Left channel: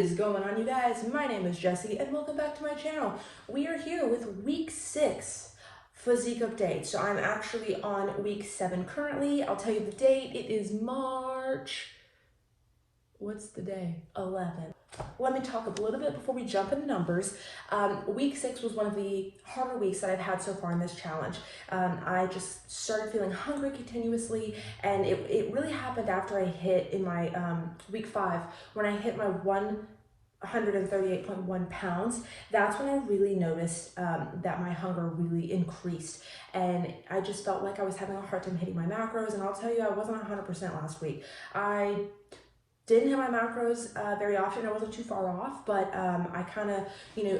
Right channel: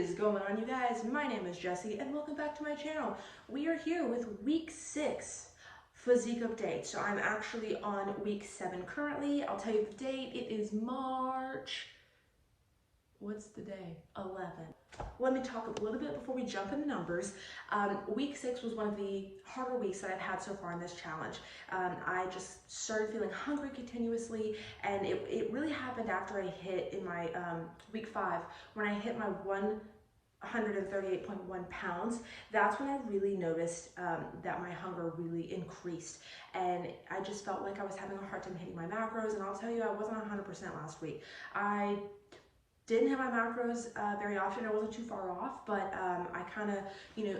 is going on, you guys? My name is Jessie and welcome back to my channel. We are here with week 6 physique update. So I'm actually on week 7 currently. I'll tell you the date. It is March, what's the day? 11th. Let me talk a little bit before we jump into numbers. Week 6 was one of the harder weeks that I've had so far in this challenge. I just started feeling hungry continuously, and it really happened after I hit in my week 5, when I hit my 138.1 pounds. That's when I really noticed that my hunger really increased, and I just felt like I was having a hard time hitting my macros. And I'll tell you, I wasn't 100% last week. I didn't hit my macros very often. I wasn't too far off, but I kind of,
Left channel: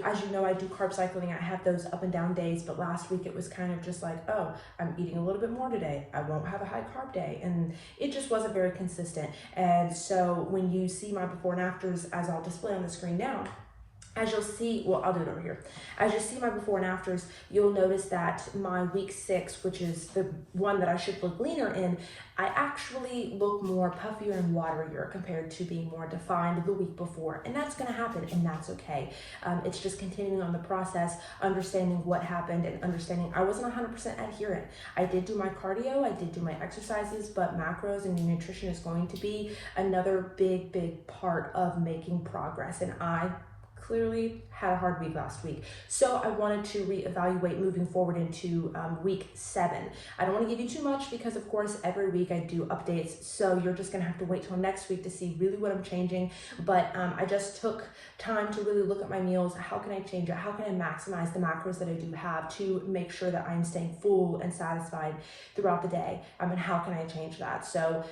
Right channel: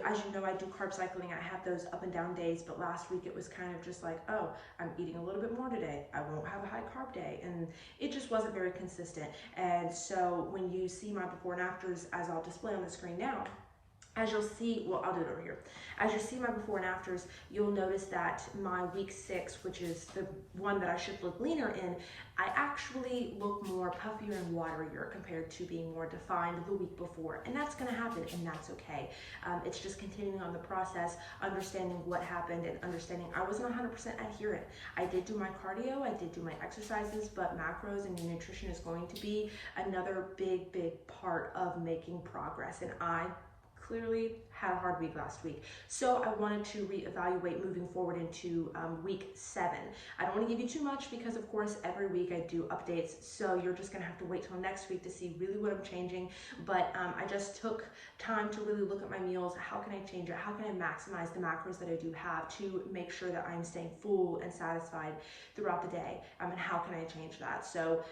as you know, I do carb cycling. I have those up and down days, but last week it was kind of just like, oh, I'm eating a little bit more today. I won't have a high carb day. And it just wasn't very consistent. And so when you see my before and afters, as I'll display on the screen now, as you'll see, well, I'll do it over here. As you see my before and afters, you'll notice that my week 6, which is the one that I should look leaner in, I actually look more puffier and waterier compared to being more defined the week before. And that's gonna happen, and that's okay. It's just continuing on the process, understanding what happened, and understanding I wasn't 100% adherent. I did do my cardio, I did do my exercises, but macros and nutrition is going to be another big part of making progress. And I clearly had a hard week last week. So I wanted to reevaluate moving forward into week 7. I don't want to give you too much because of course every week I do updates. So you're just gonna have to wait till next week to see really what I'm changing. But I just took time to really look at my meals. How can I change it? How can I maximize the macros that I do have to make sure that I'm staying full and satisfied throughout the day? And how can I change that? So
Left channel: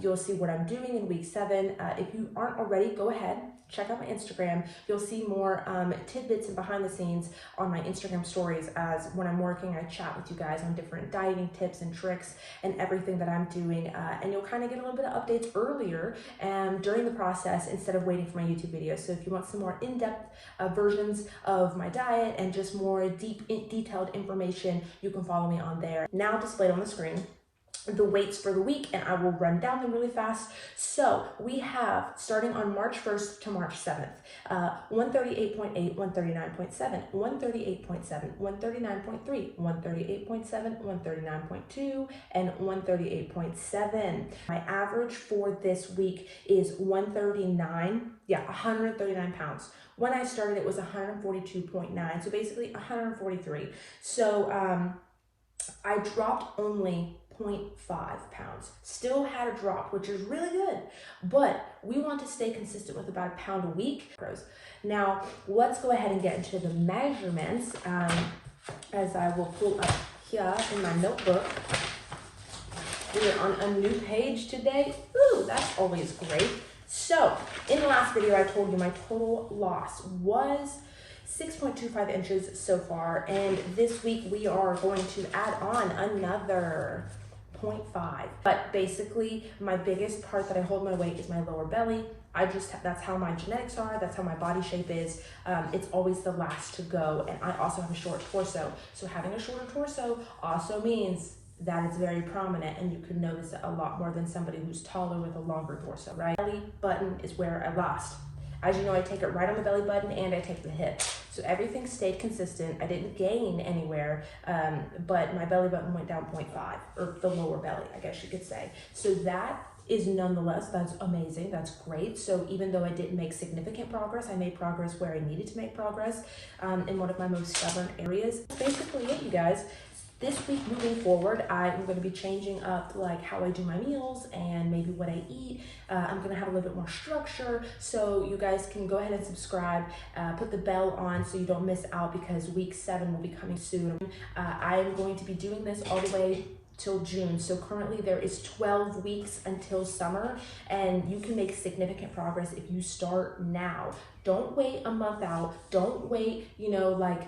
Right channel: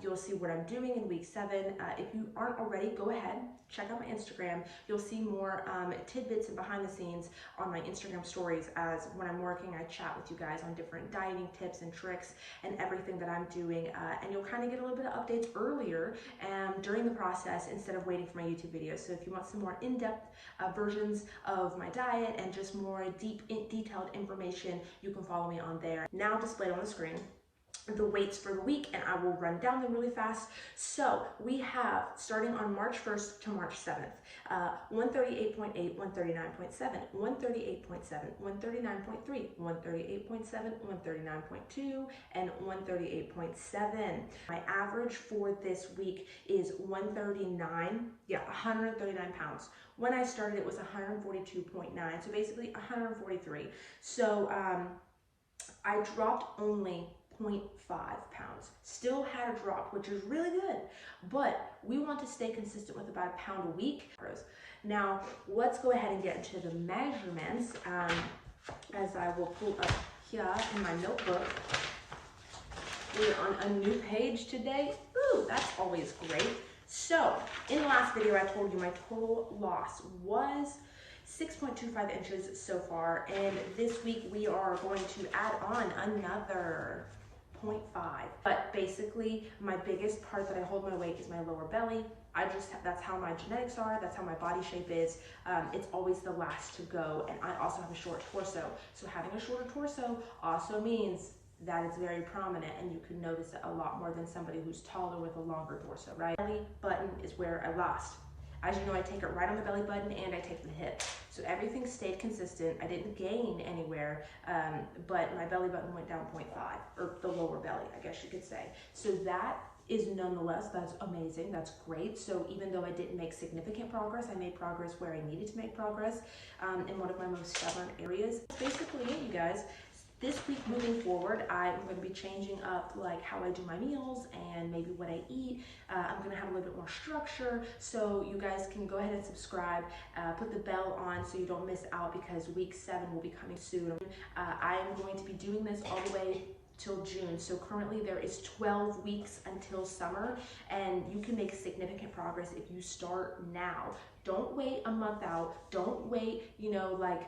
you'll see what I'm doing in week 7. If you aren't already, go ahead, check out my Instagram. You'll see more tidbits and behind the scenes on my Instagram stories, as when I'm working, I chat with you guys on different dieting tips and tricks and everything that I'm doing. And you'll kind of get a little bit of updates earlier during the process instead of waiting for my YouTube videos. So if you want some more in-depth versions of my diet and just more detailed information, you can follow me on there. Now displayed on the screen, the weights for the week, and I will run down them really fast. So we have, starting on March 1st to March 7th, 138.8, 139.7, 138.7, 139.3, 138.7, 139.2, and 138.7. My average for this week is 139 pounds. When I started, it was 142.9, so basically 143. So I dropped only 0.5 pounds. Still had a drop, which is really good, but we want to stay consistent with about a pound a week. Now, let's go ahead and get into the measurements, as I will pull up here in my notebook. We are on a new page today. Ooh, that's always great. So, in the last video, I told you my total loss was 6.25 inches so far, and this week we are going to add on another 0.5. But basically, my biggest part that I hold my weight is my lower belly. That's how my genetics are, that's how my body shape is. It's always the last to go, and I also have a short torso. So having a shorter torso also means that it's very prominent, and you can notice it a lot more than somebody who's taller with a longer torso, right? Belly button is where I lost. As you know, I take it right on the belly button and I take the hip. So everything stayed consistent. I didn't gain anywhere, but my belly button went down 0.5, or the lower belly, I guess you could say. So that is nonetheless, that's amazing, that's great. So even though I didn't make significant progress, I made progress where I needed to make progress in one of my most stubborn areas. That's basically it, you guys. This week moving forward, I'm going to be changing up like how I do my meals and maybe what I eat. I'm going to have a little bit more structure, so you guys can go ahead and subscribe, put the bell on so you don't miss out, because week 7 will be coming soon. I am going to be doing this all the way till June. So currently there is 12 weeks until summer, and you can make significant progress if you start now. Don't wait a month out. Don't wait, like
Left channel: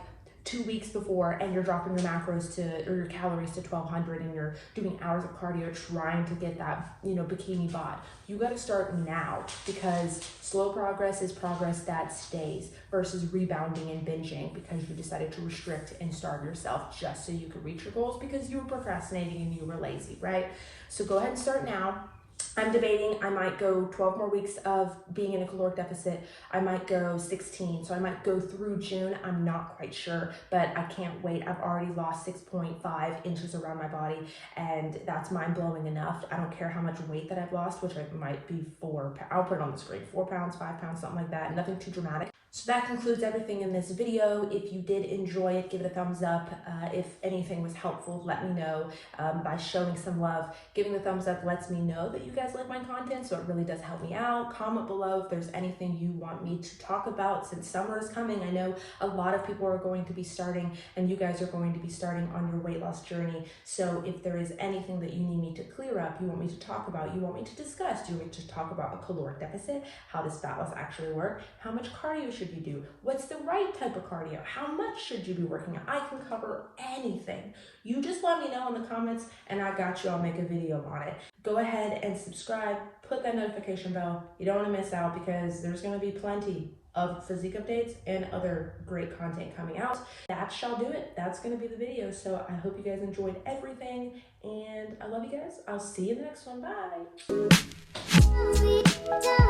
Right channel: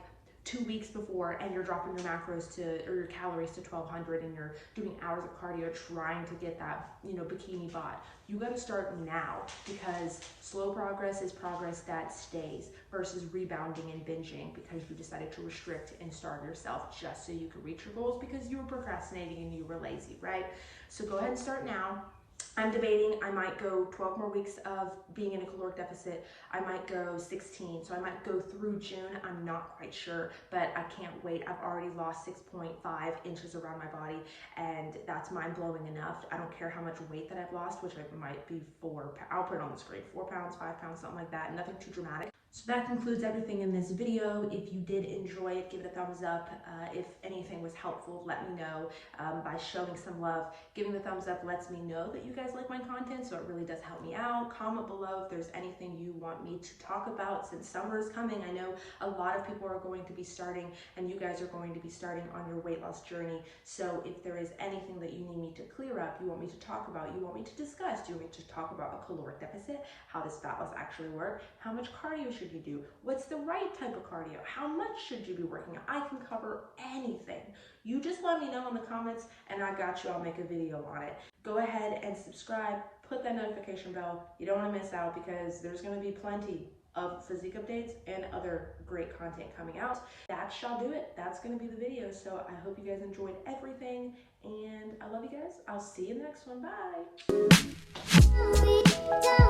2 weeks before and you're dropping your macros or your calories to 1200, and you're doing hours of cardio trying to get that, bikini bod. You got to start now, because slow progress is progress that stays versus rebounding and binging because you decided to restrict and starve yourself just so you could reach your goals because you were procrastinating and you were lazy, right? So go ahead and start now. I'm debating, I might go 12 more weeks of being in a caloric deficit. I might go 16, so I might go through June. I'm not quite sure, but I can't wait. I've already lost 6.5 inches around my body, and that's mind-blowing enough. I don't care how much weight that I've lost, which might be I'll put it on the screen, 4 pounds, 5 pounds, something like that, nothing too dramatic. So that concludes everything in this video. If you did enjoy it, give it a thumbs up. If anything was helpful, let me know by showing some love. Giving the thumbs up lets me know that you guys like my content, so it really does help me out. Comment below if there's anything you want me to talk about since summer is coming. I know a lot of people are going to be starting, and you guys are going to be starting on your weight loss journey. So if there is anything that you need me to clear up, you want me to talk about, you want me to discuss, do you want me to talk about a caloric deficit? How does fat loss actually work? How much cardio should you do? What's the right type of cardio? How much should you be working out? I can cover anything. You just let me know in the comments and I got you. I'll make a video on it. Go ahead and subscribe, put that notification bell. You don't want to miss out because there's going to be plenty of physique updates and other great content coming out. That shall do it. That's going to be the video. So I hope you guys enjoyed everything and I love you guys. I'll see you in the next one. Bye.